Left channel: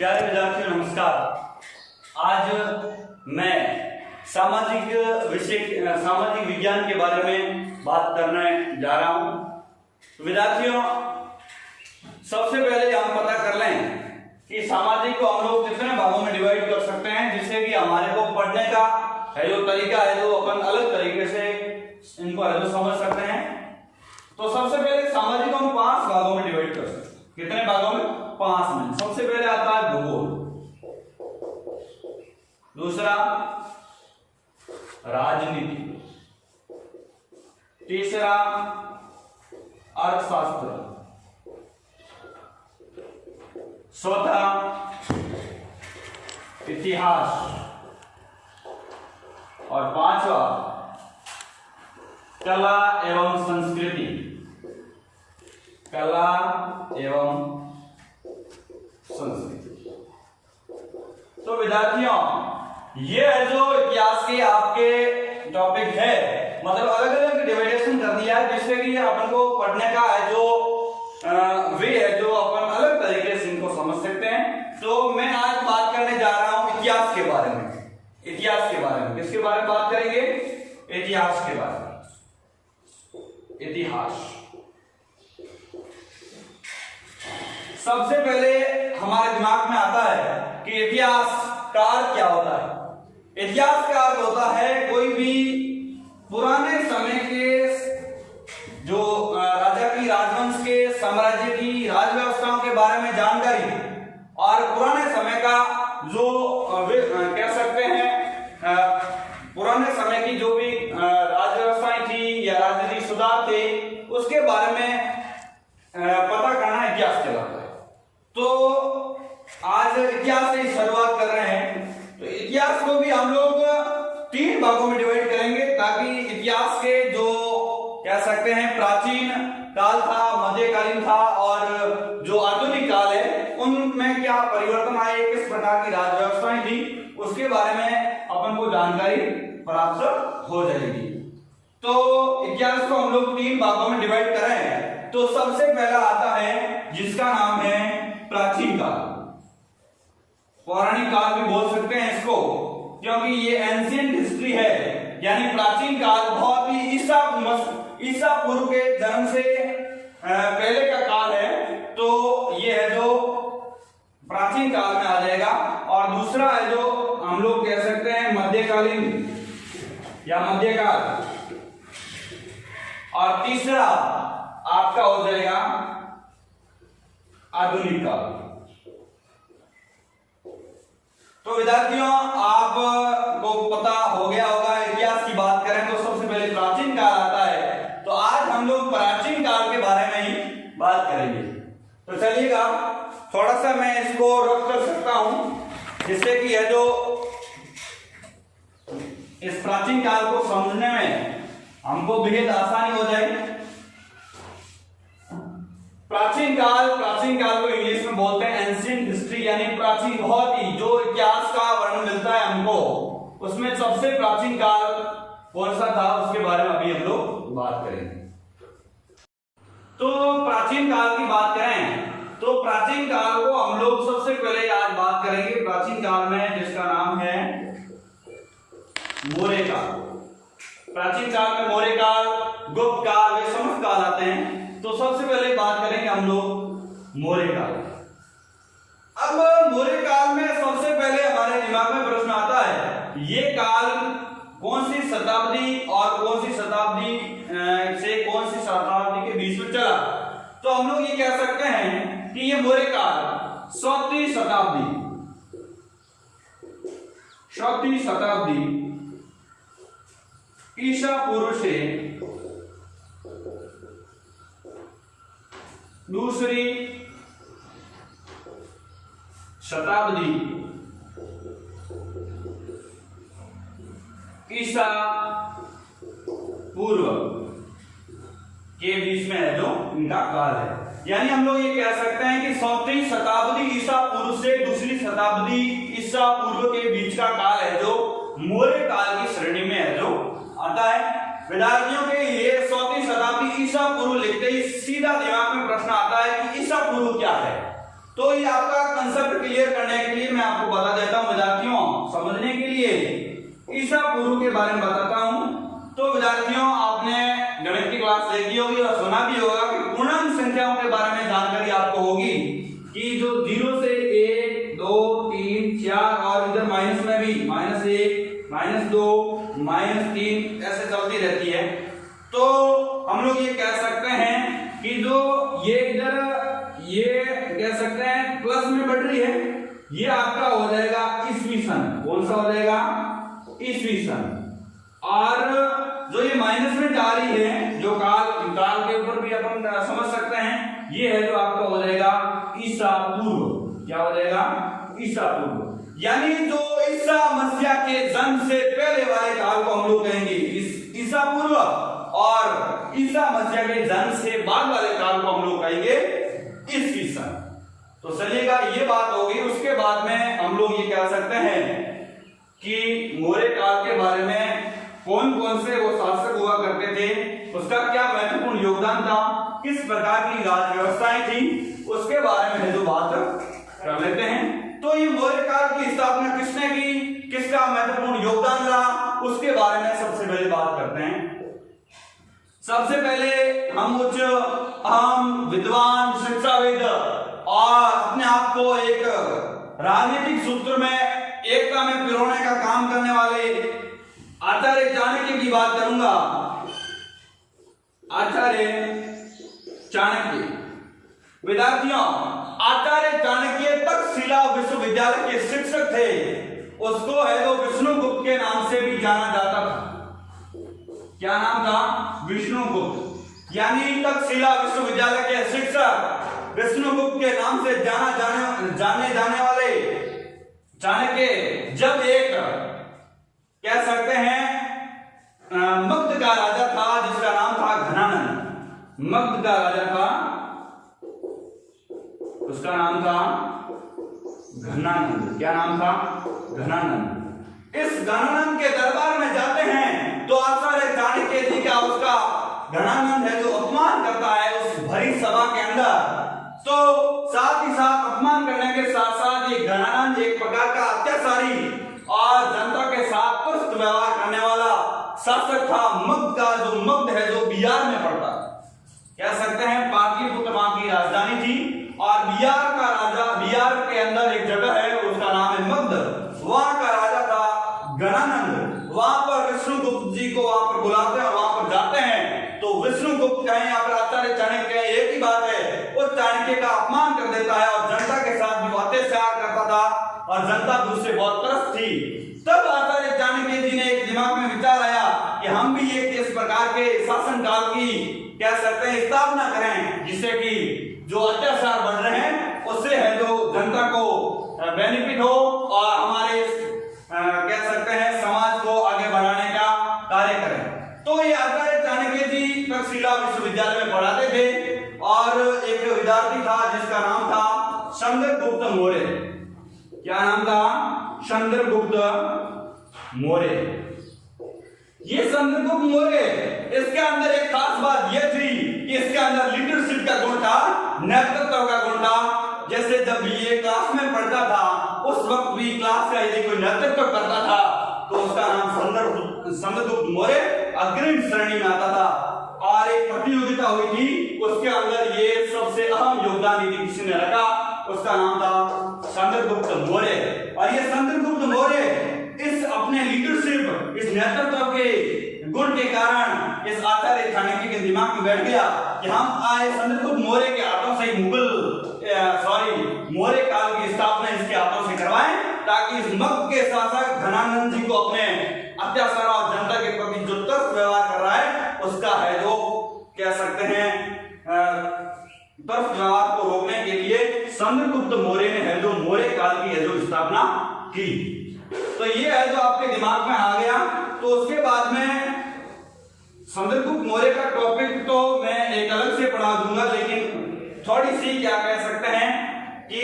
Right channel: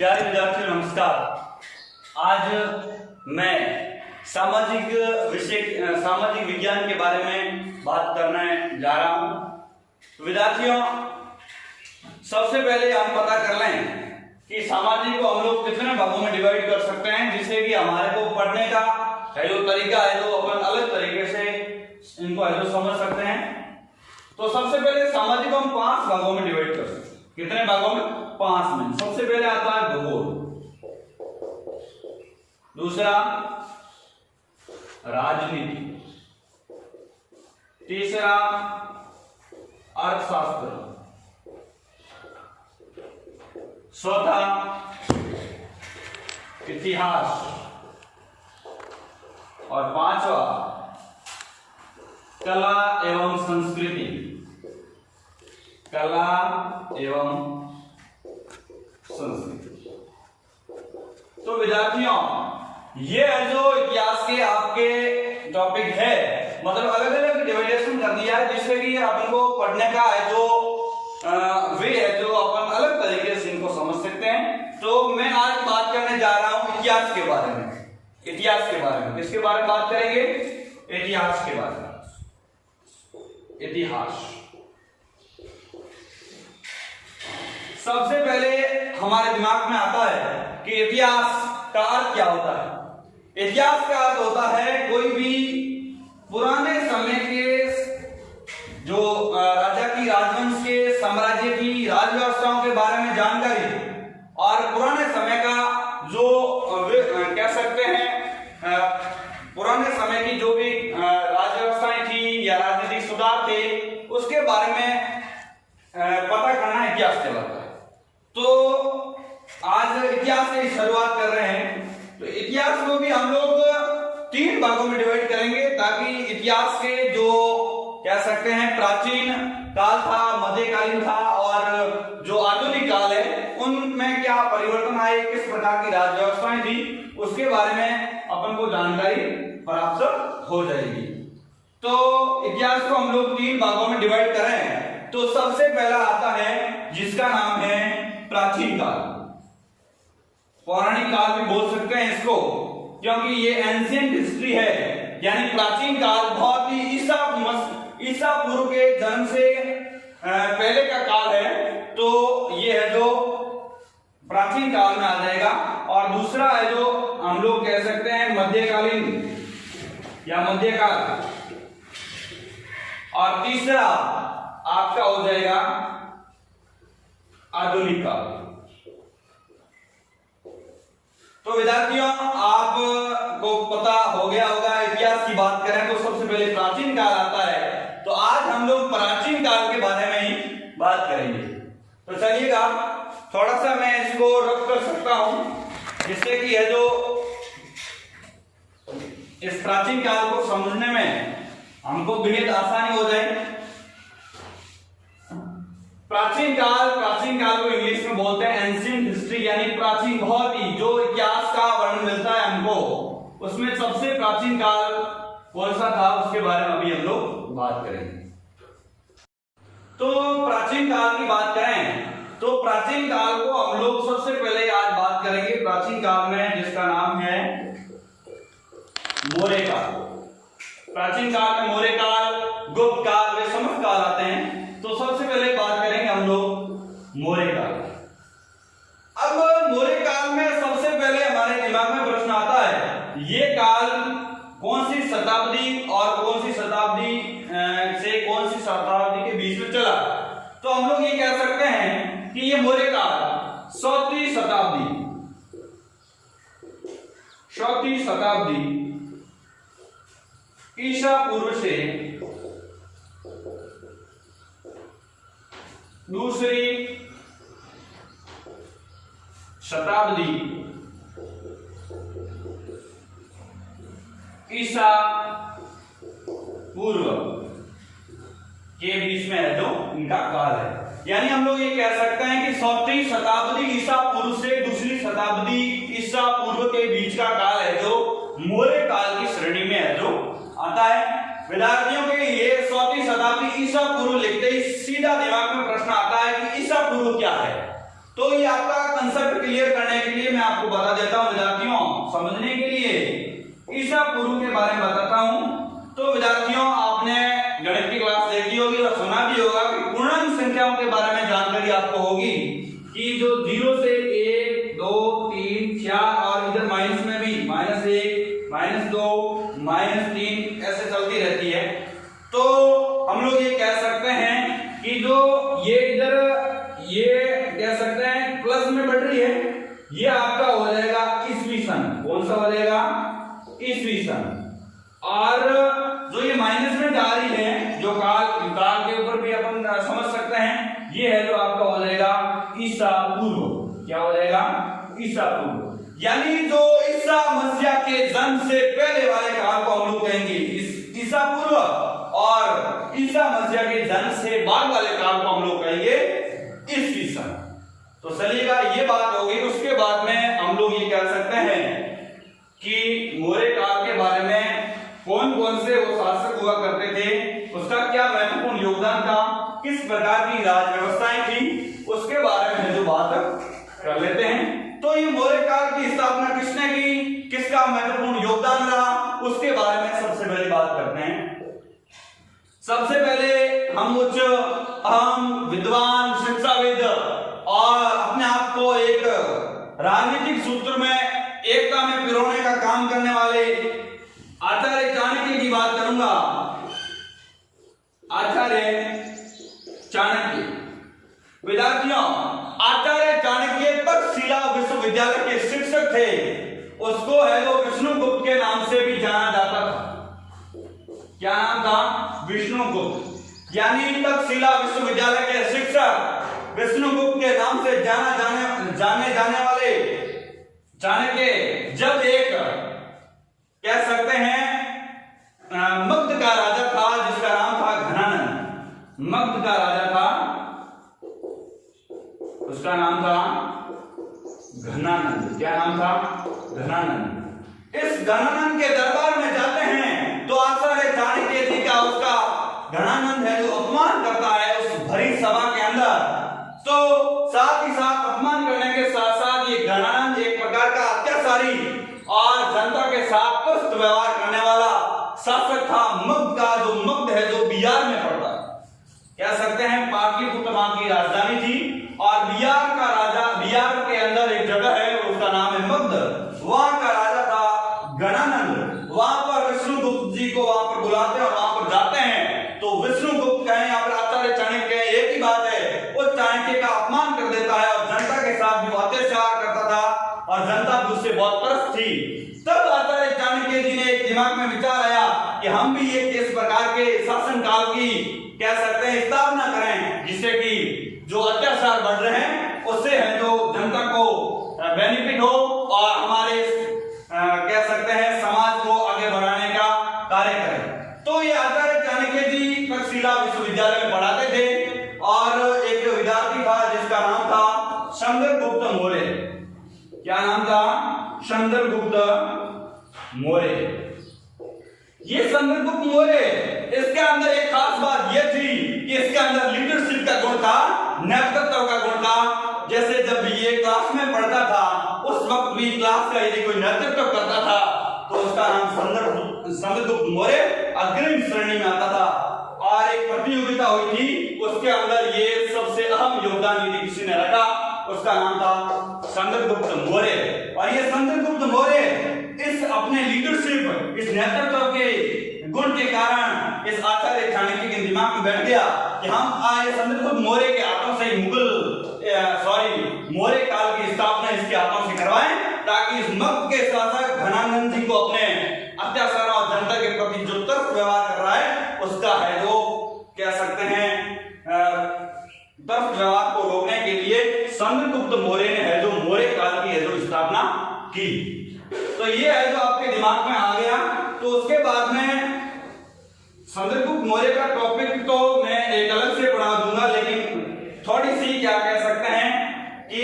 प्यारे विद्यार्थियों नमस्कार। आज मैं सामाजिक विज्ञान के बारे में बात करने जा रहा हूं। विद्यार्थियों, सबसे पहले हम पता कर लें कि सामाजिक को हम लोग कितने भागों में डिवाइड कर सकते हैं, जिससे कि हमारे को पढ़ने का है जो तरीका है जो अपन अलग तरीके से इनको है जो समझ सकते हैं। तो सबसे पहले सामाजिक को हम 5 भागों में डिवाइड कर सकते हैं। कितने भागों में? 5 में। सबसे पहले आता है भूगोल, दूसरा राजनीति, तीसरा अर्थशास्त्र, चौथा इतिहास और 5वां कला एवं संस्कृति। कला एवं संस्कृति। तो विद्यार्थियों, ये है जो इतिहास के आपके टॉपिक है, मतलब अलग अलग डिवाइडेशन कर दिया है, जिससे कि अपन को पढ़ने का है जो वे है जो अपन अलग तरीके से इनको समझ सकते हैं। तो मैं आज बात करने जा रहा हूं इतिहास के बारे में। इतिहास के बारे में किसके बारे में बात करेंगे? इतिहास के बारे में। इतिहास सबसे पहले हमारे दिमाग में आता है कि इतिहास का अर्थ क्या होता है। इतिहास का अर्थ होता है कोई भी पुराने समय के जो राजा की राजवंश के साम्राज्य की राज व्यवस्थाओं के बारे में जानकारी और पुराने समय का जो कह सकते हैं पुराने समय की जो भी राज व्यवस्थाएं थी या राजनीतिक सुधार थे उसके बारे में पता करना इतिहास कहलाता है। तो आज इतिहास की शुरुआत कर रहे हैं। तो इतिहास को भी हम लोग 3 भागों में डिवाइड करेंगे, ताकि इतिहास के जो कह सकते हैं प्राचीन काल था, मध्यकालीन था और जो आधुनिक काल है उनमें क्या परिवर्तन आए, किस प्रकार की राज व्यवस्थाएं थी, उसके बारे में अपन को जानकारी प्राप्त हो जाएगी। तो इतिहास को हम लोग 3 भागों में डिवाइड कर रहे हैं। तो सबसे पहला आता है जिसका नाम है प्राचीन काल। पौराणिक काल भी बोल सकते हैं इसको, क्योंकि ये एंशिएंट हिस्ट्री है, यानी प्राचीन काल बहुत ही ईसा पूर्व के जन्म से पहले का काल है। तो ये है जो प्राचीन काल में आ जाएगा। और दूसरा है जो हम लोग कह सकते हैं मध्यकालीन या मध्यकाल, और तीसरा आपका हो जाएगा आधुनिक काल। तो विद्यार्थियों, आपको पता हो गया होगा, इतिहास की बात करें तो सबसे पहले प्राचीन काल आता है। तो आज हम लोग प्राचीन काल के बारे में ही बात करेंगे। तो चलिएगा, थोड़ा सा मैं इसको रफ कर सकता हूं, जिससे कि यह जो इस प्राचीन काल को समझने में हमको बेहद आसानी हो जाए। प्राचीन काल को इंग्लिश में बोलते हैं एंशिएंट हिस्ट्री, यानी प्राचीन, बहुत ही जो इतिहास का वर्णन मिलता है हमको, उसमें सबसे प्राचीन काल कौन सा था उसके बारे में अभी हम लोग बात करेंगे। तो प्राचीन काल की बात करें तो प्राचीन काल को हम लोग सबसे पहले आज बात करेंगे प्राचीन काल में, जिसका नाम है मौर्य काल। प्राचीन काल में मौर्य काल, गुप्त काल, वे समस्त काल आते हैं। तो सबसे पहले बात करेंगे हम लोग मौर्य काल। अब मौर्य काल में सबसे पहले हमारे दिमाग में प्रश्न आता है, ये काल कौन सी शताब्दी और कौन सी शताब्दी से कौन सी शताब्दी के बीच में चला? तो हम लोग ये कह सकते हैं कि ये मौर्य काल 4वीं शताब्दी ईसा पूर्व से 2री शताब्दी ईसा पूर्व के बीच में है जो इनका काल है। यानी हम लोग ये कह सकते हैं कि 4वीं शताब्दी ईसा पूर्व से 2री शताब्दी ईसा पूर्व के बीच का काल है जो मौर्य काल की श्रेणी में है जो आता है। विद्यार्थियों के लिए 4वीं शताब्दी ईसा पूर्व लिखते ही सीधा दिमाग में प्रश्न आता है कि ईसा पूर्व क्या है। तो ये आपका कंसेप्ट क्लियर करने आपको बता देता हूं विद्यार्थियों, समझने के लिए ईसा पूर्व के बारे में बताता हूं। तो विद्यार्थियों, आपने गणित की क्लास देखी होगी और सुना भी होगा कि पूर्णांक संख्याओं के बारे में जानकारी आपको होगी कि जो 0 से 1, 2, 3, 4 और इधर माइनस में भी -1, -2, -3 ऐसे चलती रहती है। तो हम लोग ये कह सकते हैं कि जो ये इधर ये कह सकते हैं प्लस में बढ़ रही है, ये आपका हो जाएगा ईस्वी सन। कौन सा हो जाएगा? ईस्वी सन। और जो ये माइनस में जा रही है, जो काल के ऊपर भी अपन समझ सकते हैं, ये है जो आपका हो जाएगा ईसा पूर्व। क्या हो जाएगा? ईसा पूर्व। यानी जो ईसा मसीह के जन्म से पहले वाले काल को हम लोग कहेंगे ईसा पूर्व, और ईसा मसीह के जन्म से बाद वाले काल को हम लोग कहेंगे ईस्वी सन। तो चलिएगा, ये बात होगी। उसके बाद में हम लोग ये कह सकते हैं कि मौर्य काल के बारे में कौन कौन से वो शासक हुआ करते थे, उसका क्या महत्वपूर्ण योगदान था, किस प्रकार की राज व्यवस्थाएं थी, उसके बारे में जो बात कर लेते हैं। तो ये मौर्य काल की स्थापना किसने की, किसका महत्वपूर्ण योगदान रहा, उसके बारे में सबसे पहले बात करते हैं। सबसे पहले हम कुछ अहम विद्वान, शिक्षाविद और अपने आप को एक राजनीतिक सूत्र में एकता में पिरोने का काम करने वाले आचार्य चाणक्य की बात करूंगा। आचार्य चाणक्य, विद्यार्थियों, आचार्य चाणक्य तक्षशिला विश्वविद्यालय के शिक्षक थे। उसको है जो विष्णुगुप्त के नाम से भी जाना जाता था। क्या नाम था? विष्णुगुप्त। यानी तक्षशिला विश्वविद्यालय के शिक्षक विष्णुगुप्त के नाम से जाने जाने वाले चाणक्य जब एक कह सकते हैं मगध का राजा था जिसका नाम था घनानंद। मगध का राजा था, उसका नाम था घनानंद। क्या नाम था? घनानंद। इस घनानंद के दरबार में जाते हैं तो आचार्य चाणक्य जी का उसका घनानंद है जो अपमान करता है उस भरी सभा के अंदर। तो साथ ही साथ अपमान करने के साथ साथ ये घनानंद एक प्रकार का अत्याचारी और जनता के साथ तुष्ट व्यवहार करने वाला शासक था। मगध का जो मगध है जो बिहार में पड़ता है, कह सकते हैं पाटलिपुत्र वहां की राजधानी थी। और बिहार का राजा, बिहार के अंदर एक जगह है उसका नाम है मगध, वहां का राजा था घनानंद। वहां पर विष्णुगुप्त जी को वहां पर बुलाते हैं और वहां पर जाते हैं। तो विष्णुगुप्त कहें या फिर आचार्य चाणक्य एक ही बात है, उस चाणक्य का अपमान कर देता है और जनता के साथ भी अत्याचार करता था और जनता भी उससे बहुत त्रस्त थी। तब आचार्य चाणक्य जी ने एक दिमाग में विचार आया कि हम भी एक इस प्रकार के शासन काल की कह सकते हैं स्थापना करें जिससे कि जो अत्याचार बढ़ रहे हैं उससे है जो जनता को बेनिफिट हो और हमारे कह सकते हैं समाज को आगे बढ़ाने का कार्य करें। तो ये आचार्य चाणक्य जी तक्षशिला विश्वविद्यालय में पढ़ाते थे और एक विद्यार्थी था जिसका नाम था चंद्रगुप्त मौर्य। क्या नाम था? चंद्रगुप्त मौर्य। ये चंद्रगुप्त मौर्य, इसके अंदर एक खास बात यह थी कि इसके अंदर लीडरशिप का गुण था, नेतृत्व का गुण था। जैसे जब भी ये क्लास में पढ़ता था उस वक्त भी क्लास का यदि कोई नेतृत्व करता था तो उसका नाम चंद्रगुप्त मौर्य अग्रिम श्रेणी में आता था। और एक प्रतियोगिता हुई थी, उसके अंदर ये सबसे अहम योगदान यदि किसी ने रखा उसका नाम था चंद्रगुप्त मौर्य। और ये चंद्रगुप्त मौर्य इस अपने लीडरशिप, इस नेतृत्व के गुण के कारण इस आचार्य चाणक्य के दिमाग में बैठ गया कि हम आए चंद्रगुप्त मौर्य के हाथों से मौर्य काल की स्थापना इसके हाथों से करवाएं ताकि इस मगध के शासक घनानंद जी को अपने अत्याचार और जनता के प्रति जो तुष्ट व्यवहार कर रहा है उसका है जो कह सकते हैं तुष्ट व्यवहार को रोकने के लिए चंद्रगुप्त मौर्य ने है जो मौर्य काल की है जो स्थापना की। तो ये है जो आपके दिमाग में आ गया। तो उसके बाद में चंद्रगुप्त मौर्य का टॉपिक तो मैं एक अलग से पढ़ा दूंगा, लेकिन थोड़ी सी क्या कह सकते हैं कि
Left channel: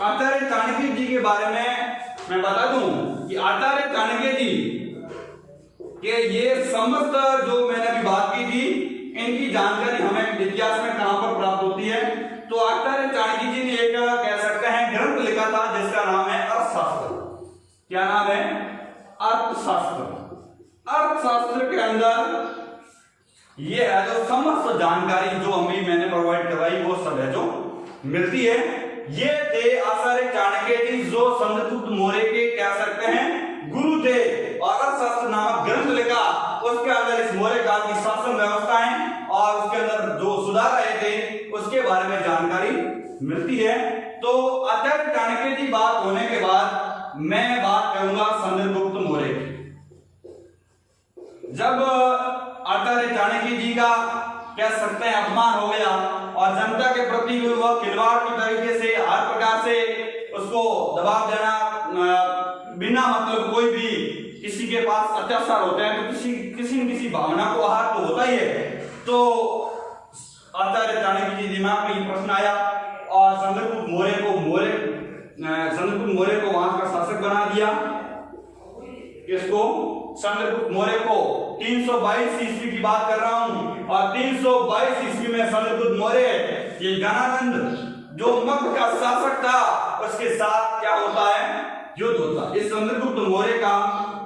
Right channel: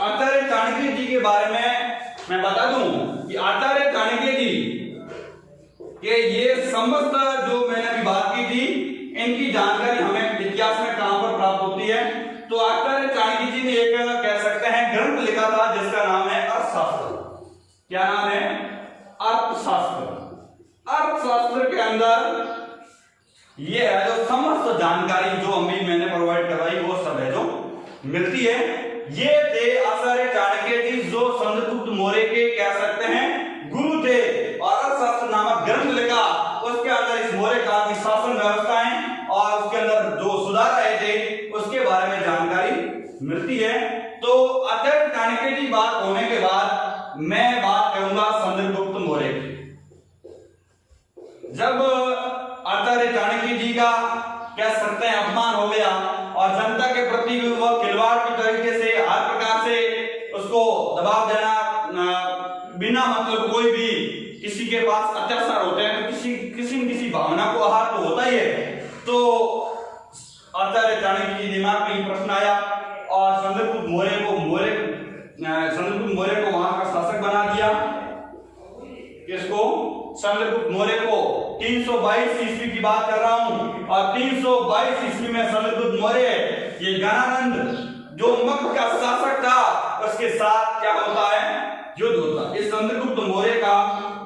आचार्य चाणक्य जी के बारे में मैं बता दूं कि आचार्य चाणक्य जी के ये समस्त जो मैंने अभी बात की थी इनकी जानकारी हमें इतिहास में कहां पर प्राप्त होती है। तो आचार्य चाणक्य जी ने एक कह सकते हैं ग्रंथ लिखा था जिसका नाम है अर्थशास्त्र। क्या नाम है? अर्थशास्त्र। अर्थशास्त्र के अंदर ये है जो समस्त जानकारी जो मैंने प्रोवाइड करवाई वो सब है जो मिलती है। ये थे आचार्य चाणक्य जी जो चंद्रगुप्त मौर्य के कह सकते हैं गुरु थे, और अर्थशास्त्र नामक ग्रंथ लिखा। उसके अंदर इस मौर्य काल की शासन व्यवस्थाएं और उसके अंदर जो सुधार आए थे उसके बारे में जानकारी मिलती है। तो आचार्य चाणक्य जी बात होने के बाद मैं बात करूंगा चंद्रगुप्त मौर्य की। जब आचार्य चाणक्य जी का कह सकते हैं अपमान हो गया और जनता के प्रति वह खिलवाड़ की तरीके से हर प्रकार से उसको दबाव देना, बिना मतलब कोई भी किसी के पास अत्याचार होते हैं तो किसी न किसी भावना को आहार तो होता ही है। तो आचार्य चाणक्य जी दिमाग में प्रश्न आया और चंद्रगुप्त मौर्य को वहां का शासक बना दिया। किसको? चंद्रगुप्त मौर्य को। 322 ईस्वी की बात कर रहा हूं, और 322 ईस्वी में चंद्रगुप्त मौर्य ये गणानंद जो मगध का शासक था उसके साथ क्या होता है? युद्ध होता है। इस चंद्रगुप्त मौर्य का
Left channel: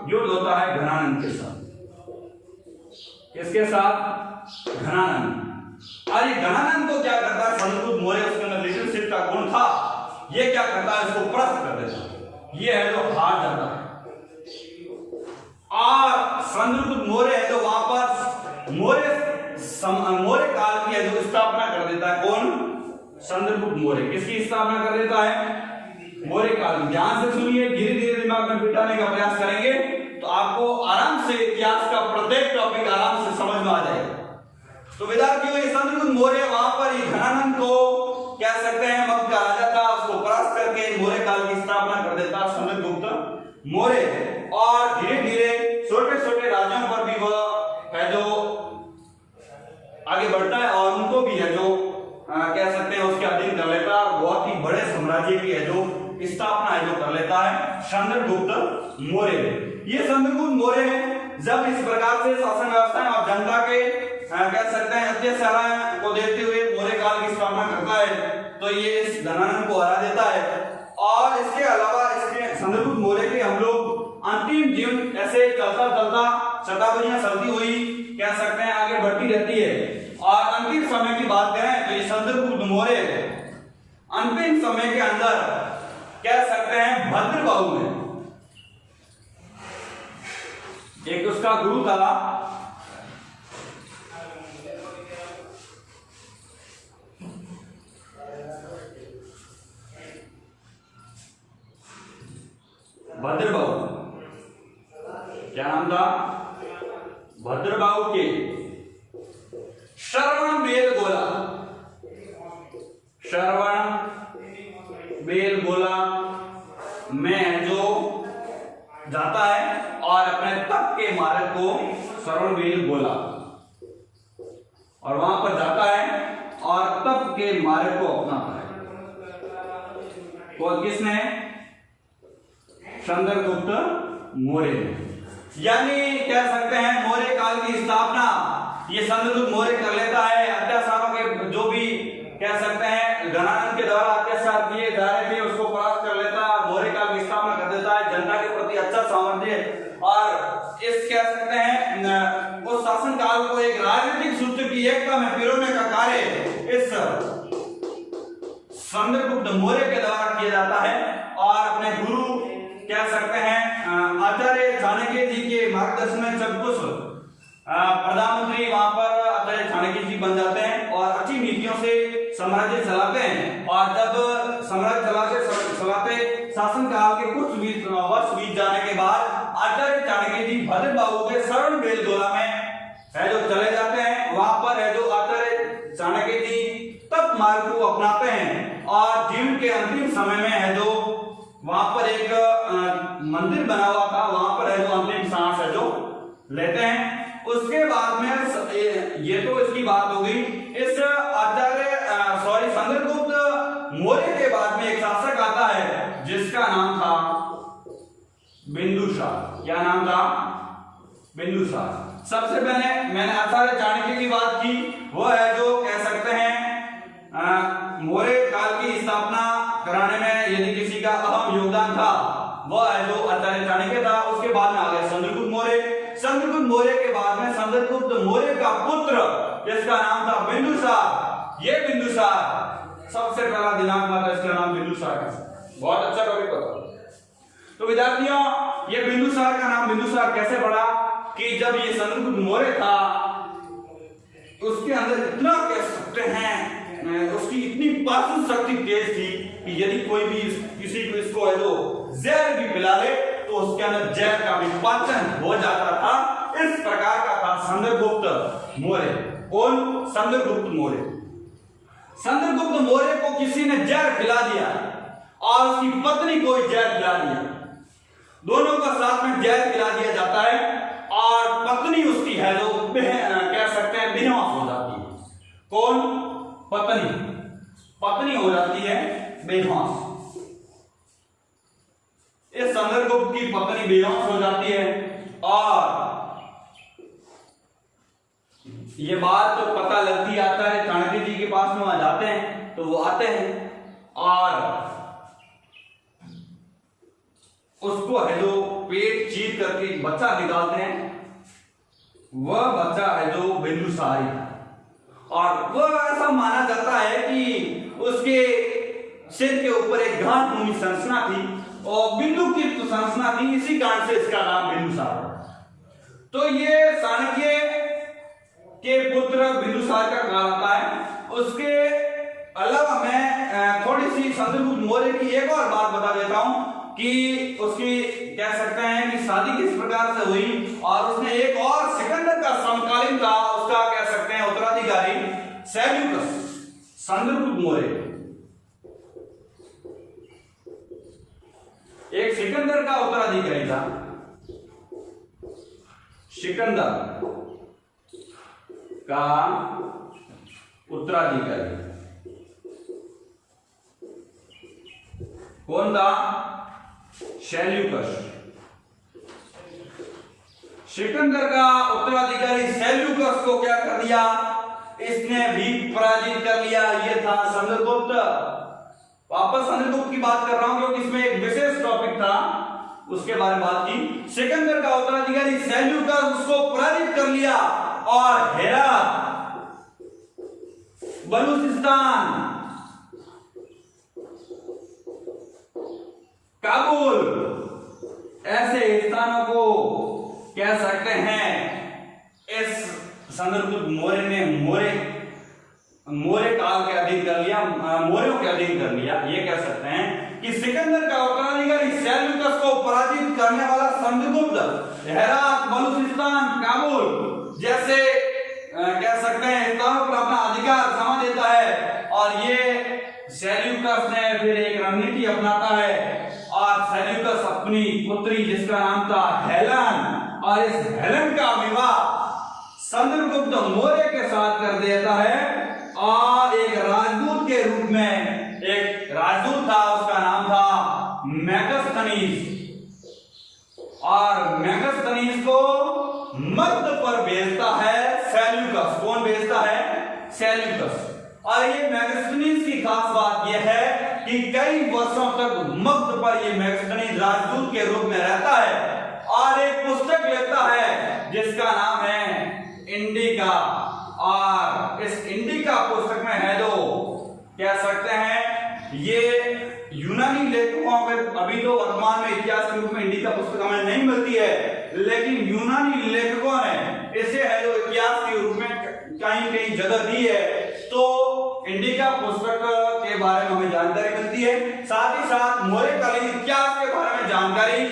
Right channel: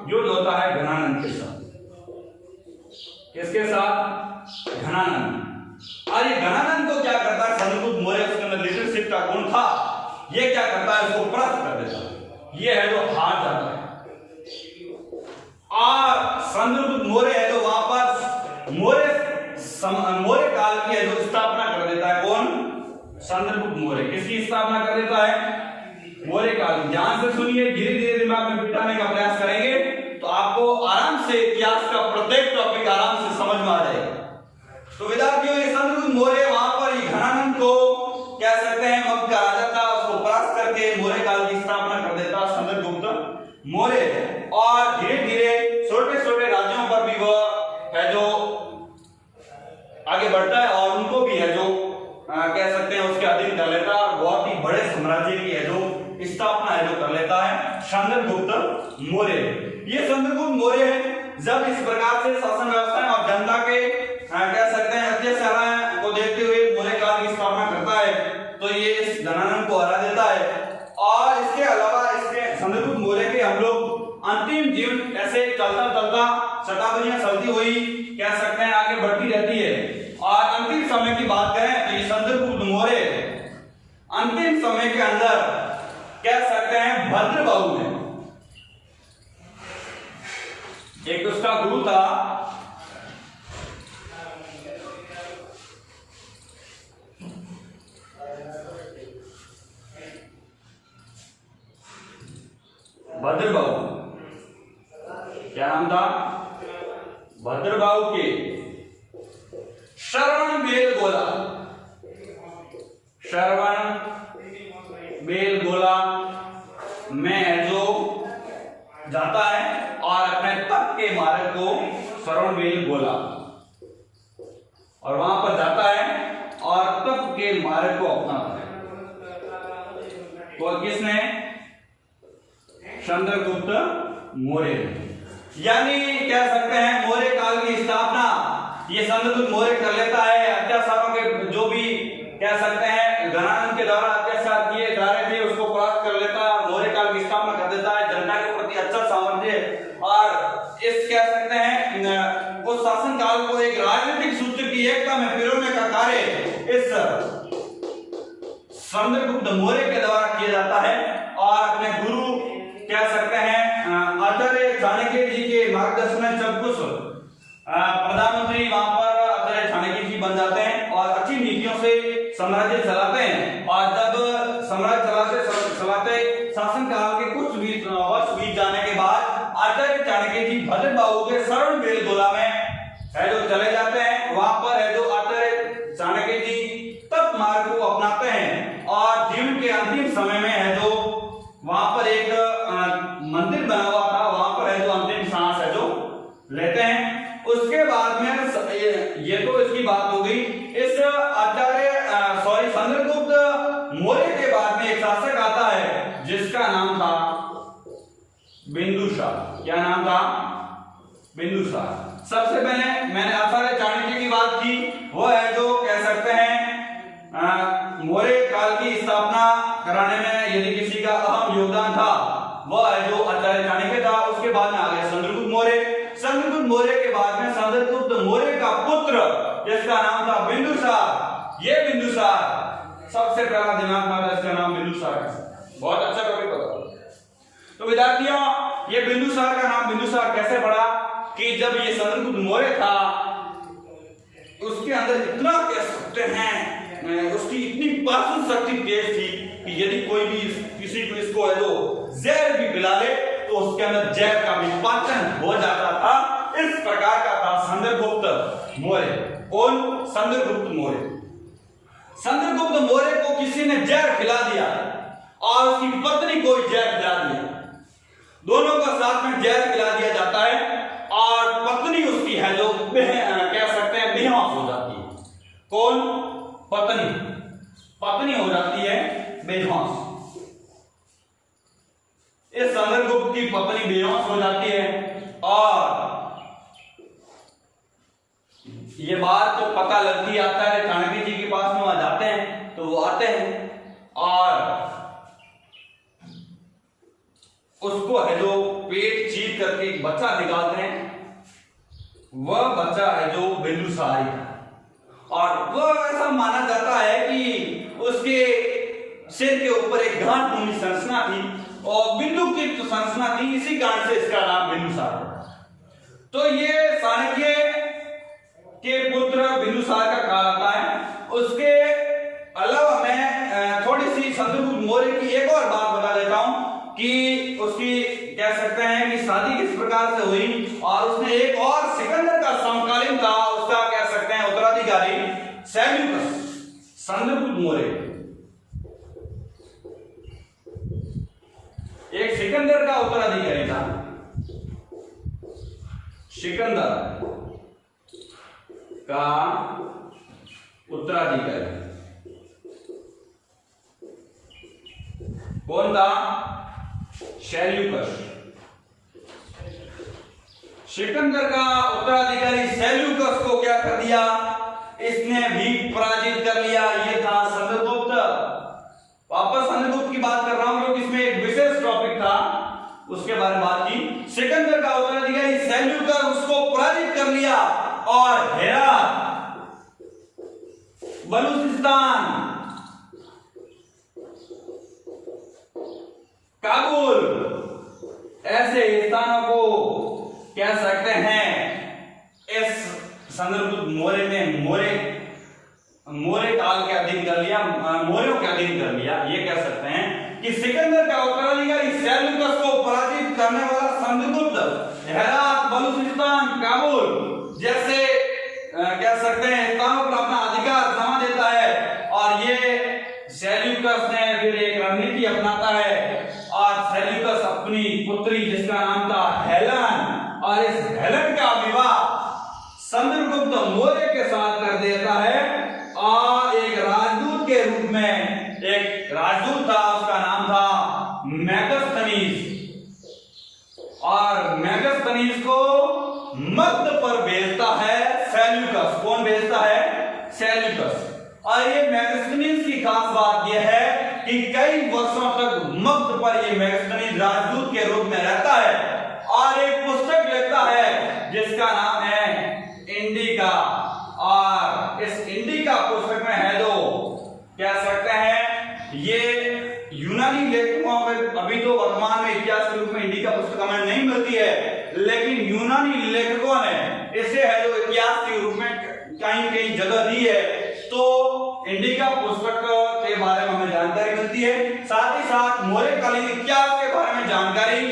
युद्ध होता है घनानंद के साथ। किसके साथ? घनानंद। और ये घनानंद को क्या करता है? चंद्रगुप्त मौर्य उसके अंदर लीडरशिप का गुण था, ये क्या करता है? इसको परास्त कर देता है। ये है जो हार जाता है। और चंद्रगुप्त मौर्य है जो वहां पर मौर्य काल की है जो स्थापना कर देता है। कौन? चंद्रगुप्त मौर्य। किसकी स्थापना कर देता है? मौर्य काल। ध्यान से सुनिए, धीरे धीरे दिमाग में बिठाने का प्रयास करेंगे तो आपको आराम से इतिहास का प्रत्येक टॉपिक आराम से समझ में आ जाएगा। तो विद्यार्थियों, ये चंद्रगुप्त मौर्य वहां पर घनानंद को कह सकते हैं मगध का राजा था, उसको परास्त करके मौर्य काल की स्थापना कर देता चंद्रगुप्त मौर्य। और धीरे धीरे छोटे छोटे राज्यों पर भी वह है जो आगे बढ़ता है और उनको भी है जो कह सकते हैं उसके अधीन कर लेता है। बहुत ही बड़े साम्राज्य की है जो स्थापना है जो कर लेता है चंद्रगुप्त मौर्य। ये चंद्रगुप्त मौर्य जब इस प्रकार से शासन व्यवस्था और जनता के कह सकते हैं अत्याचार को देखते हुए मौर्य काल की स्थापना करता है तो ये इस घनानंद को हरा देता है। और इसके अलावा इसके चंद्रगुप्त मौर्य के हम लोग अंतिम जीवन ऐसे चलता चलता शताब्दियां चलती हुई कह सकते हैं आगे बढ़ती रहती है। और अंतिम समय की बात करें तो ये चंद्रगुप्त मौर्य अंतिम समय के अंदर कह सकते हैं भद्रबाहु में एक उसका गुरु था भद्रबाहु। क्या नाम था? भद्रबाहु के श्रवण बेलगोला में जो जाता है और अपने तप के मार्ग को श्रवण बेलगोला और वहां पर जाता है और तप के मार्ग को अपनाता है। तो किसने? चंद्रगुप्त मौर्य। यानी कह सकते हैं मौर्य काल की स्थापना ये चंद्रगुप्त मौर्य कर लेता है। अत्याचारों के जो भी कह सकते हैं घनानंद के द्वारा अत्याचार किए जा रहे थे उसको परास्त कर लेता है, मौर्य काल की स्थापना कर देता है। जनता के प्रति अच्छा सामर्थ्य और इस कह सकते हैं उस शासन काल को एक राजनीतिक सूत्र की एकता में पिरोने का कार्य इस चंद्रगुप्त मौर्य के द्वारा किया जाता है। और अपने गुरु कह सकते हैं आचार्य चाणक्य जी के मार्गदर्शन में जब कुछ प्रधानमंत्री वहां पर आचार्य चाणक्य जी बन जाते हैं और अच्छी नीतियों से साम्राज्य चलाते हैं। और जब साम्राज्य चलाते शासन काल के कुछ वर्ष बीत जाने के बाद आचार्य चाणक्य जी भद्रबाहु के श्रवण बेलगोला में है जो चले जाते हैं। वहां पर है जो आचार्य चाणक्य जी तप मार्ग को अपनाते हैं और जीवन के अंतिम समय में है जो वहां पर एक मंदिर बना हुआ था, वहां पर है जो अंतिम सांस है जो लेते हैं। उसके बाद में ये तो इसकी बात हो गई। इस चंद्रगुप्त मौर्य के बाद में एक शासक आता है जिसका नाम था बिंदुसार। क्या नाम था? बिंदुसार। सबसे पहले मैंने आचार्य चाणक्य की बात की, वो है जो कह सकते हैं मौर्य काल की स्थापना कराने में यदि किसी का अहम योगदान था वह है जो आचार्य चाणक्य था। उसके बाद में आ गए चंद्रगुप्त मौर्य। चंद्रगुप्त मौर्य के बाद में चंद्रगुप्त मौर्य का पुत्र जिसका नाम था बिंदुसार। ये बिंदुसार सबसे पहला दिनांक माना, इसका नाम बिंदुसार है। बहुत अच्छा टॉपिक पता। तो विद्यार्थियों, ये बिंदुसार का नाम बिंदुसार कैसे पड़ा कि जब ये चंद्रगुप्त मौर्य था उसके अंदर इतना कह सकते हैं उसकी इतनी पाचन शक्ति तेज थी कि यदि कोई भी किसी को इसको है जो जहर भी पिला ले तो उसके अंदर जहर का विपाचन हो जाता था। इस प्रकार का था चंद्रगुप्त मौर्य। कौन? चंद्रगुप्त मौर्य। चंद्रगुप्त मौर्य को किसी ने जहर खिला दिया और उसकी पत्नी को जहर खिला दिया। दोनों का साथ में जहर खिला दिया जाता है और पत्नी उसकी है जो कह सकते हैं बेहोश हो जाती है। कौन? पत्नी हो जाती है बेहोश। इस चंद्रगुप्त की पत्नी बेहोश हो जाती है और ये बात तो पता लगती है आचार्य चाणक्य जी के पास में वहां जाते हैं तो वो आते हैं और उसको है जो पेट चीर करके बच्चा निकालते हैं। वह बच्चा है जो बिंदुसार था और वह ऐसा माना जाता है कि उसके सिर के ऊपर एक गांठ भूमि संरचना थी और बिंदु की तो संरचना थी, इसी कारण से इसका नाम बिंदुसार है। तो ये चाणक्य के पुत्र बिंदुसार का कहा जाता है। उसके अलावा मैं थोड़ी सी चंद्रगुप्त मौर्य की एक और बात बता देता हूं कि उसकी कह सकते हैं कि शादी किस प्रकार से हुई और उसने एक और सिकंदर का समकालीन था, उसका कह सकते हैं उत्तराधिकारी सेल्यूकस। चंद्रगुप्त मौर्य एक सिकंदर का उत्तराधिकारी था। सिकंदर का उत्तराधिकारी कौन था? सेल्यूकस। सिकंदर का उत्तराधिकारी सेल्यूकस को क्या कर दिया? इसने भी पराजित कर लिया। ये था चंद्रगुप्त। वापस चंद्रगुप्त की बात कर रहा हूं क्योंकि इसमें एक विशेष टॉपिक था, उसके बारे में बात की। सिकंदर का उत्तराधिकारी सेल्यूकस उसको पराजित कर लिया और हेरात, बलूचिस्तान, काबुल ऐसे स्थानों को कह सकते हैं इस चंद्रगुप्त मौर्य ने मौर्य काल के अधीन कर लिया, मौर्यों के अधीन कर लिया। ये कह सकते हैं कि सिकंदर का उत्तराधिकारी सेल्यूकस को पराजित करने वाला चंद्रगुप्त हेरात, बलूचिस्तान, काबुल जैसे कह सकते हैं स्थानों पर अपना अधिकार जमा देता है और ये सेल्यूकस ने फिर एक रणनीति अपनाता है और सेल्यूकस अपनी पुत्री जिसका नाम था हेलेन और इस हेलेन का विवाह चंद्रगुप्त मौर्य के साथ कर देता है और एक राजदूत के रूप में एक राजदूत था, उसका नाम था मेगास्थनीज और मेगास्थनीज को मध्य पर भेजता है सेल्यूकस। कौन भेजता है? सेल्यूकस। और ये मेगास्थनीज की खास बात यह है कि कई वर्षों तक मध्य पर ये मेगास्थनीज राजदूत के रूप में रहता है और एक पुस्तक लिखता है जिसका नाम है इंडिका। और इस इंडिका पुस्तक में है जो कह सकते हैं ये यूनानी लेखकों में, अभी तो वर्तमान में इतिहास के रूप में इंडिका पुस्तक हमें नहीं मिलती है, लेकिन यूनानी लेखकों ने इसे है जो इतिहास के रूप में कहीं कहीं जगह दी है। तो इंडिका पुस्तक के बारे में हमें जानकारी मिलती है। साथ ही साथ मौर्यकालीन इतिहास के बारे में जानकारी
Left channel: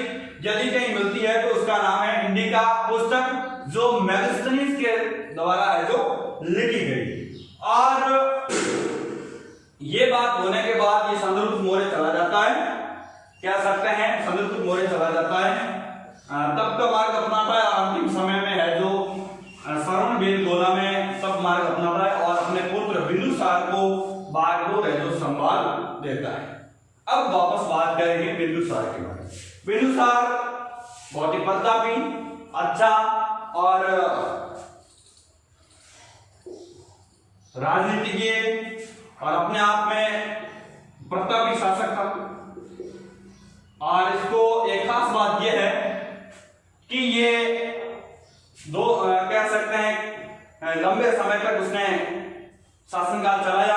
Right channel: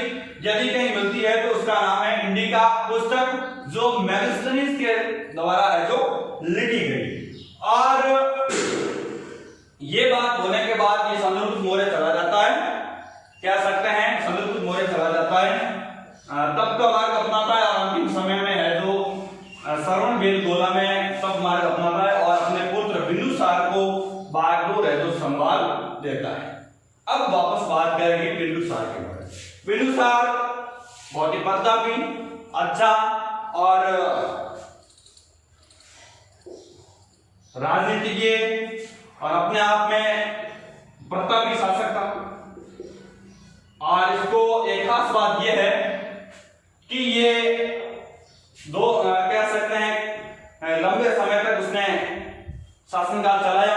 यदि कहीं मिलती है तो उसका नाम है इंडिका पुस्तक, जो मेगास्थनीज के द्वारा है जो लिखी गई। और ये बात होने के बाद ये चंद्रगुप्त मौर्य चला जाता है, कह सकते हैं चंद्रगुप्त मौर्य चला जाता है, तब का मार्ग अपनाता है और अंतिम समय में है जो श्रवणबेलगोला में सब मार्ग अपनाता है और अपने पुत्र बिंदुसार को बागडोर है जो संभाल देता है। अब वापस बात करेंगे बिंदुसार के बारे में। बिंदुसार बहुत ही प्रतापी, अच्छा और राजनीतिज्ञ और अपने आप में प्रतापी शासक था और इसको एक खास बात यह है कि ये दो कह सकते हैं लंबे समय तक उसने शासनकाल चलाया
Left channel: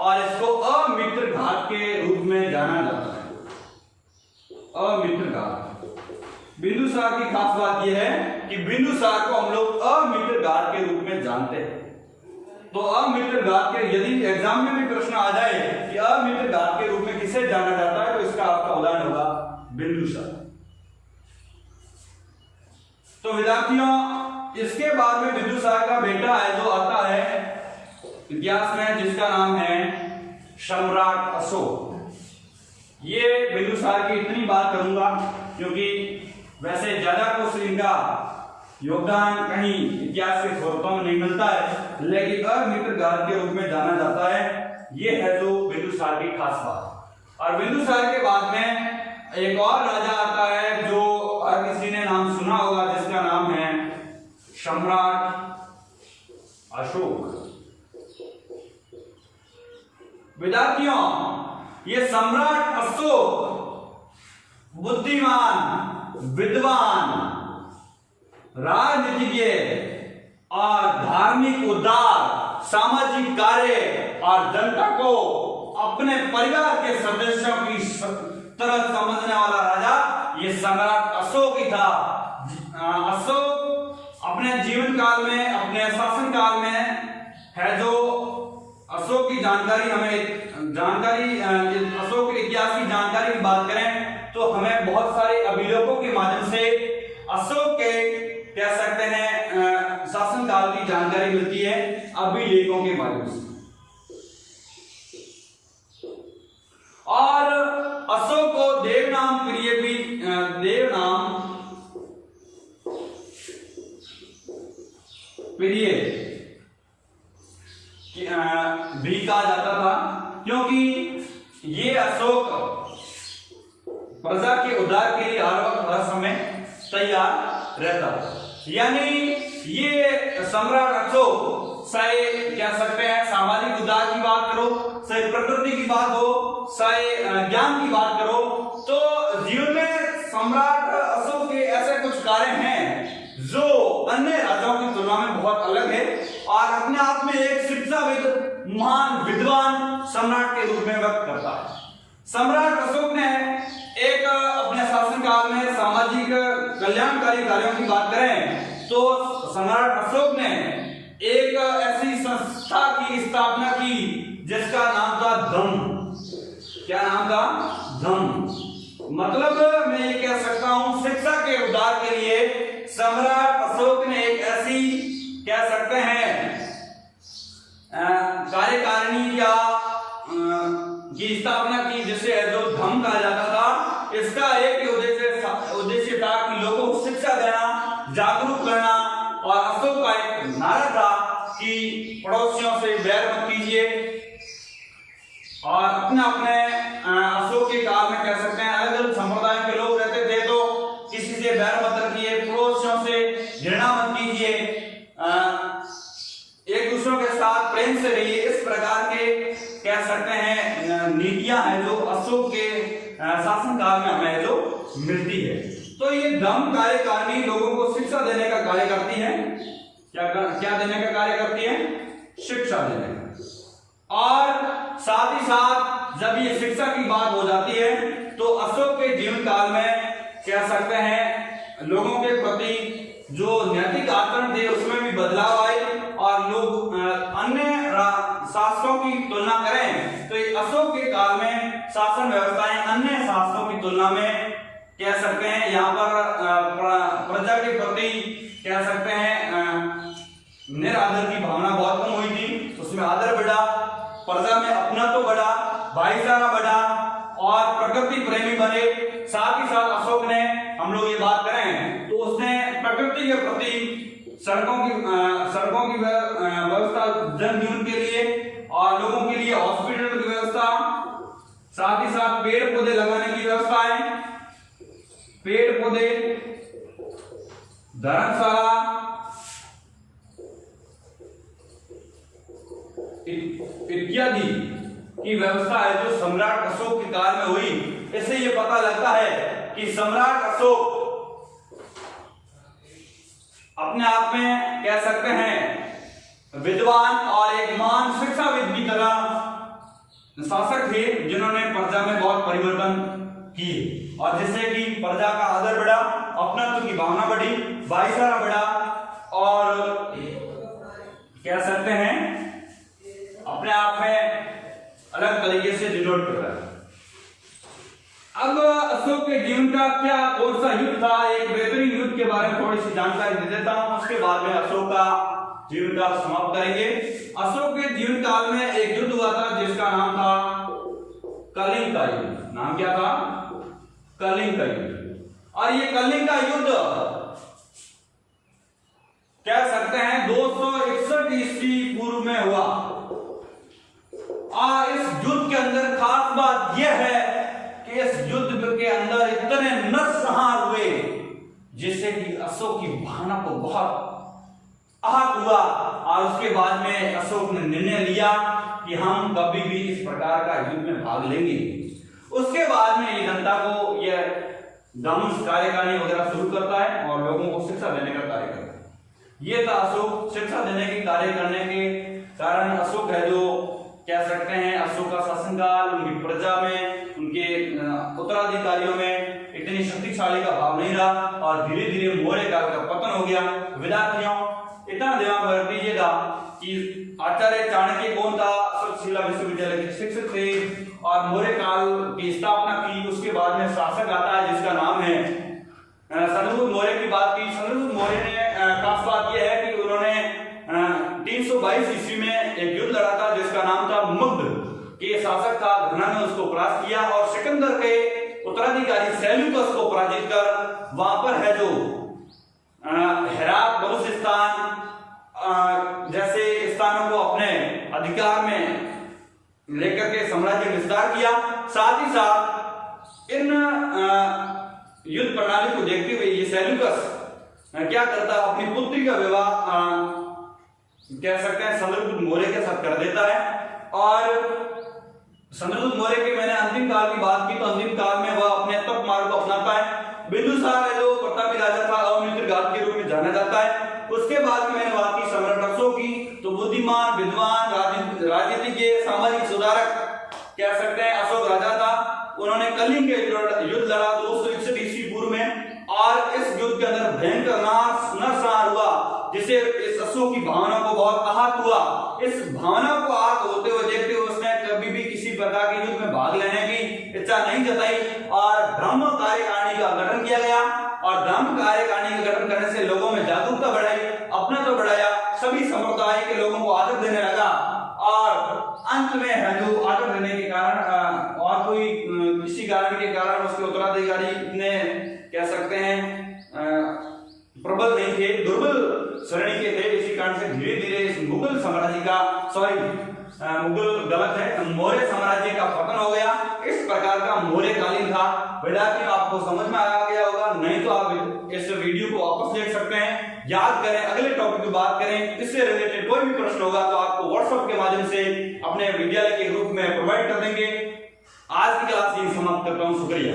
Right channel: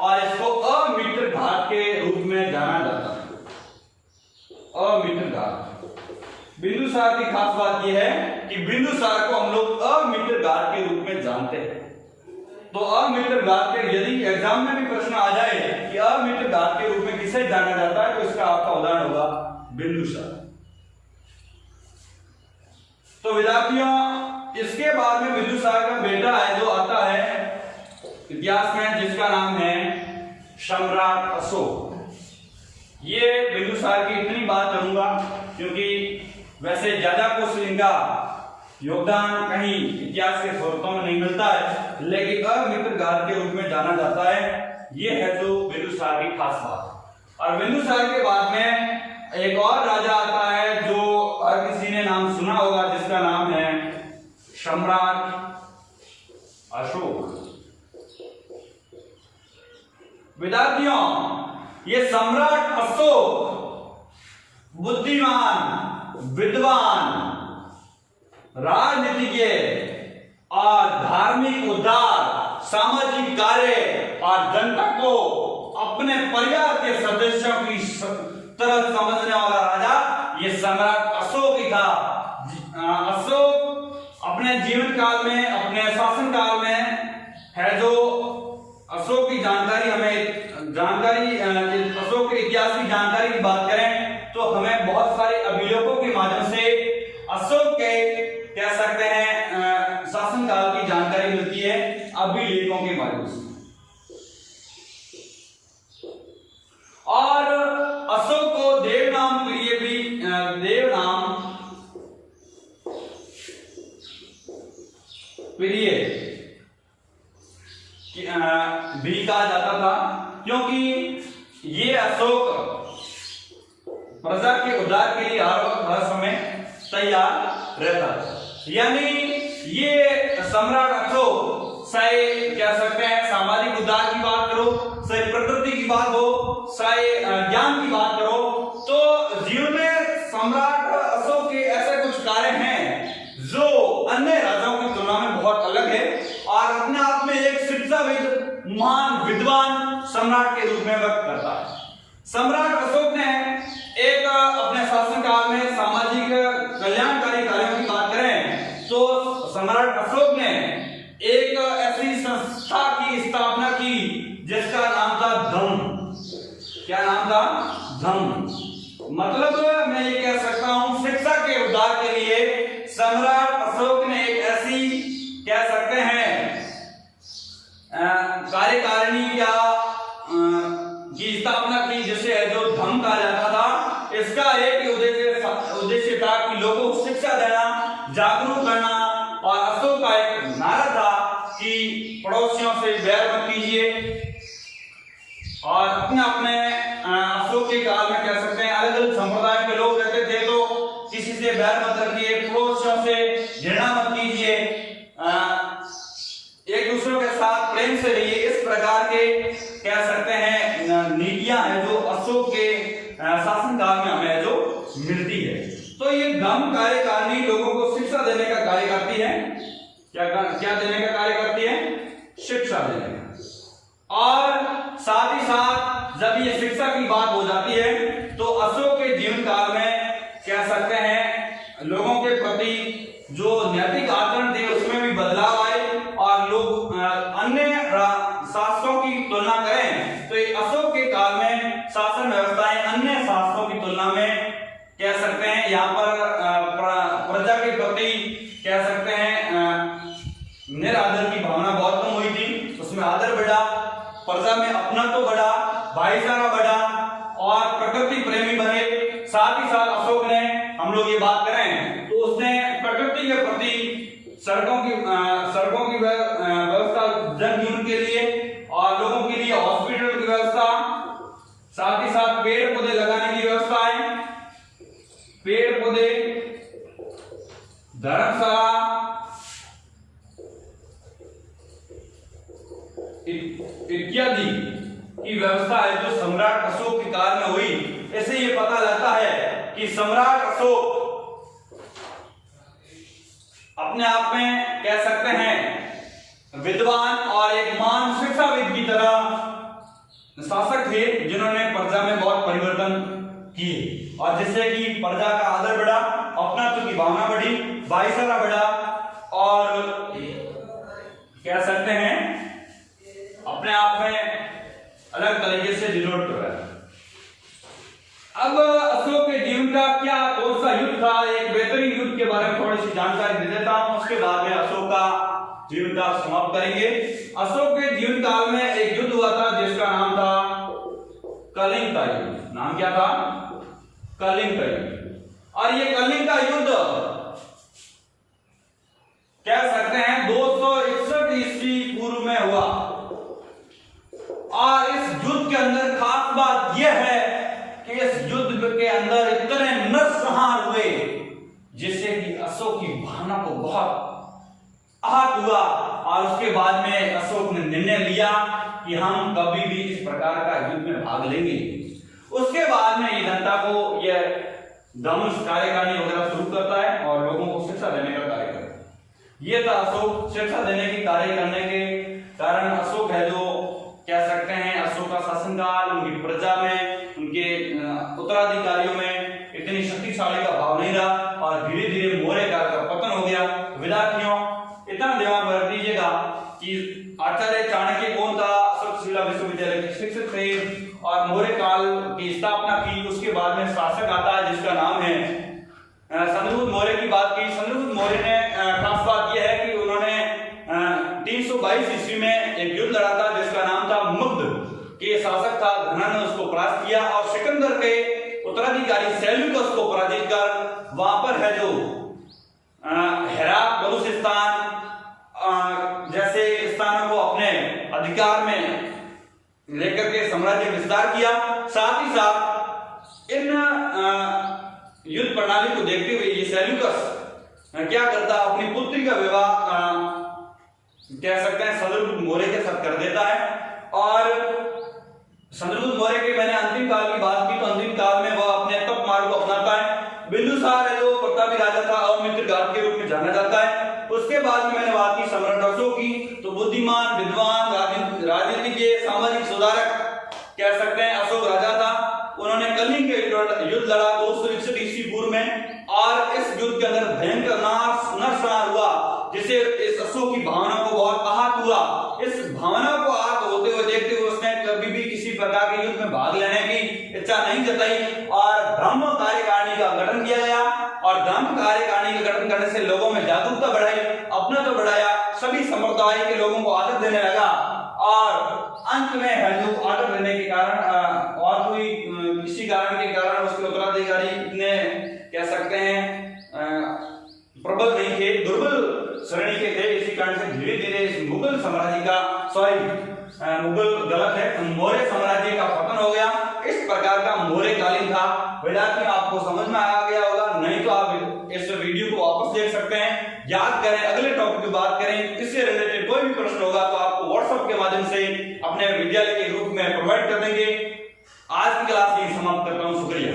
और इसको अमित्र घाट के रूप में जाना जाता है। अमित्र घाट बिंदुसार की खास बात यह है कि बिंदुसार को हम लोग अमित्र घाट के रूप में जानते हैं। तो अमित्र घाट के यदि एग्जाम में भी प्रश्न आ जाए कि अमित्र घाट के रूप में किसे जाना जाता है, तो इसका आपका उदाहरण होगा बिंदुसार। तो विद्यार्थियों, इसके बाद में बिंदुसार का बेटा है जो आता है इतिहास में, जिसका नाम है सम्राट अशोक। ये बिंदुसार की इतनी बात करूंगा क्योंकि वैसे ज्यादा कुछ इनका योगदान कहीं इतिहास के स्रोतों में नहीं मिलता है, लेकिन अमित्र घाट के रूप में जाना जाता है। ये है जो बिंदुसार की खास बात। और बिंदुसार के बाद में एक और राजा आता है जो हर किसी ने नाम सुना होगा, जिसका नाम है सम्राट अशोक। विद्यार्थियों, ये सम्राट अशोक बुद्धिमान, विद्वान, राजनीतिज्ञ और धार्मिक उद्धार, सामाजिक कार्य और जनता को अपने परिवार के सदस्यों की तरह समझने वाला राजा ये सम्राट अशोक ही था। अशोक अपने जीवन काल में, अपने शासन काल में है जो अशोक की जानकारी अशोक के इतिहास की जानकारी की बात करें तो हमें बहुत सारे अभिलेखों के माध्यम से अशोक के कह सकते हैं शासनकाल की जानकारी मिलती है, अभिलेखों के माध्यम से। और अशोक को देवनाम प्रिय भी देवनाम प्रिय भी कहा जाता था, क्योंकि ये अशोक प्रजा के उद्धार के लिए हर समय तैयार रहता था। यानी ये सम्राट अशोक चाहे कह सकते हैं सामाजिक उद्धार की बात करो, चाहे प्रकृति की बात हो, चाहे ज्ञान की बात करो, तो जीवन में सम्राट अशोक के ऐसे कुछ कार्य हैं जो अन्य राजाओं की तुलना में बहुत अलग है और अपने आप में एक शिक्षाविद, महान विद्वान सम्राट के रूप में व्यक्त करता है। सम्राट अशोक ने एक अपने शासनकाल में सामाजिक कल्याणकारी कार्यों की बात करें तो सम्राट अशोक ने एक ऐसी संस्था की स्थापना की जिसका नाम था धम्म। क्या नाम था? धम्म। मतलब मैं ये कह सकता हूं शिक्षा के उद्धार के लिए सम्राट अशोक ने एक ऐसी कह सकते हैं कार्यकारिणी या की स्थापना की जिसे जो धम्म कहा जाता था। इसका एक ही उद्देश्य था कि लोगों को शिक्षा देना, जागरूक करना। और अशोक का एक नारा था कि पड़ोसियों से बैर मत कीजिए और अपने अपने अशोक के काल में कह सकते हैं अलग अलग संप्रदाय के लोग रहते थे तो किसी से बैर मत रखिए, पड़ोसियों से घृणा मत कीजिए, एक दूसरों के साथ प्रेम से रहिए। इस प्रकार के कह सकते हैं नीतियां हैं जो अशोक के शासनकाल में हमें जो मिलती है। तो ये धम्म कार्यकारिणी लोगों को शिक्षा देने का कार्य करती है। क्या देने का कार्य करती है? शिक्षा देने का। और साथ ही साथ जब ये शिक्षा की बात हो जाती है तो अशोक के जीवन काल में कह सकते हैं लोगों के प्रति जो नैतिक आचरण थे उसमें भी बदलाव आए और लोग अन्य शासकों की तुलना करें तो अशोक के काल में शासन व्यवस्थाएं अन्य शासकों की तुलना में कह सकते हैं यहाँ पर प्रजा के प्रति कह सकते हैं निरादर की भावना बहुत कम हुई थी। उसमें आदर बढ़ा, प्रजा में अपना तो बढ़ा, भाईचारा बढ़ा और प्रकृति प्रेमी बने। साथ ही साथ अशोक ने हम लोग ये बात करें तो उसने प्रकृति के प्रति सड़कों की व्यवस्था जनजीवन के लिए और लोगों के लिए हॉस्पिटल की व्यवस्था, साथ ही साथ पेड़ पौधे लगाने की व्यवस्थाएं, पेड़ पौधे, धर्मशाला इत्यादि की व्यवस्था है जो सम्राट अशोक के काल में हुई। इससे ये पता लगता है कि सम्राट अशोक अपने आप में कह सकते हैं विद्वान और एक महान शिक्षाविद की तरह शासक थे, जिन्होंने प्रजा में बहुत परिवर्तन किए और जिससे कि प्रजा का आदर बढ़ा, अपनात्व की भावना बढ़ी, भाईचारा बढ़ा और कह सकते हैं अपने आप में अलग तरीके से डिनोट कर रहा है। अब अशोक के जीवन का क्या कौन सा युद्ध था, एक बेहतरीन युद्ध के बारे में थोड़ी सी जानकारी दे देता हूं, उसके बाद में अशोक का जीवन काल समाप्त करेंगे। अशोक के जीवन काल में एक युद्ध हुआ था जिसका नाम था कलिंग का युद्ध। नाम क्या था? कलिंग का युद्ध। और ये कलिंग का युद्ध कह सकते हैं 261 ईस्वी पूर्व में हुआ और इस युद्ध के अंदर खास बात यह है कि इस युद्ध के अंदर इतने नरसंहार हुए जिससे कि अशोक की भावना को बहुत आहत हुआ और उसके बाद में अशोक ने निर्णय लिया कि हम कभी भी इस प्रकार का युद्ध में भाग लेंगे। उसके बाद में ये जनता को यह धनुष कार्यकारिणी वगैरह शुरू करता है और लोगों को शिक्षा देने का कार्य करता है। ये था अशोक। शिक्षा देने के कार्य करने के कारण अशोक है जो कह सकते हैं अशोक का शासनकाल उनकी प्रजा में, उनके उत्तराधिकारियों में इतनी शक्तिशाली का भाव नहीं रहा और धीरे धीरे मौर्य काल का पतन हो गया। विद्यार्थियों इतना दिमाग में रख लीजिएगा कि आचार्य चाणक्य कौन था? तक्षशिला विश्वविद्यालय के शिक्षक थे और मौर्य काल की स्थापना की। उसके बाद में शासक आता है जिसका नाम है चंद्रगुप्त मौर्य की बात की। चंद्रगुप्त मौर्य ने खास बात यह है कि उन्होंने 322 ईस्वी में एक युद्ध लड़ा था जिसका नाम था मगध के शासक था घना ने उसको परास्त किया और सिकंदर के उत्तराधिकारी सेल्यूकस को पराजित कर वहां पर है जो हेरात, बलूचिस्तान जैसे स्थानों को अपने अधिकार में लेकर के साम्राज्य विस्तार किया। साथ ही साथ इन युद्ध प्रणाली को देखते हुए ये सेल्यूकस क्या करता, अपनी पुत्री का विवाह कह सकते हैं चंद्रगुप्त मौर्य के साथ कर देता है। और चंद्रगुप्त मौर्य के मैंने अंतिम काल की बात की तो अंतिम काल में वह अपने तप मार्ग को अपनाता है। बिंदुसार है जो प्रतापी राजा था, अमित्र घाट के रूप में जाना जाता है। उसके बाद में मैंने बात की सम्राट अशोक की, तो बुद्धिमान, विद्वान, राजनीतिज्ञ, सामाजिक सुधारक कह सकते हैं अशोक राजा था। उन्होंने कलिंग के युद्ध लड़ा 261 ईस्वी पूर्व में और इस युद्ध के अंदर भयंकर नरसंहार हुआ जिससे इस अशोक की भावना को बहुत आहत हुआ। इस भावना को आहत होते हुए देखते हुए उसने कभी भी किसी प्रकार के युद्ध में भाग लेने की इच्छा नहीं जताई और धर्म कार्यकारिणी का गठन किया गया और धर्म कार्यकारिणी का गठन करने से लोगों में जागरूकता बढ़ाई, अपनात्व बढ़ाया, सभी संप्रदाय के लोगों को आदर देने लगा और अंत में है जो आदर देने के कारण और कोई किसी कारण के कारण उसके उत्तराधिकारी इतने कह सकते हैं प्रबल नहीं थे, दुर्बल श्रेणी के थे। इसी कारण से धीरे धीरे मुगल साम्राज्य का मुगल गलत है, मौर्य साम्राज्य का पतन हो गया। इस प्रकार का मौर्य कालीन था। विद्यार्थियों आपको समझ में आ गया होगा, नहीं तो आप इस वीडियो को वापस देख सकते हैं, याद करें, अगले टॉपिक की बात करें। इससे रिलेटेड कोई भी प्रश्न होगा तो आपको व्हाट्सएप के माध्यम से अपने विद्यालय के ग्रुप में प्रोवाइड कर देंगे। आज की क्लास यही समाप्त करता हूं। शुक्रिया।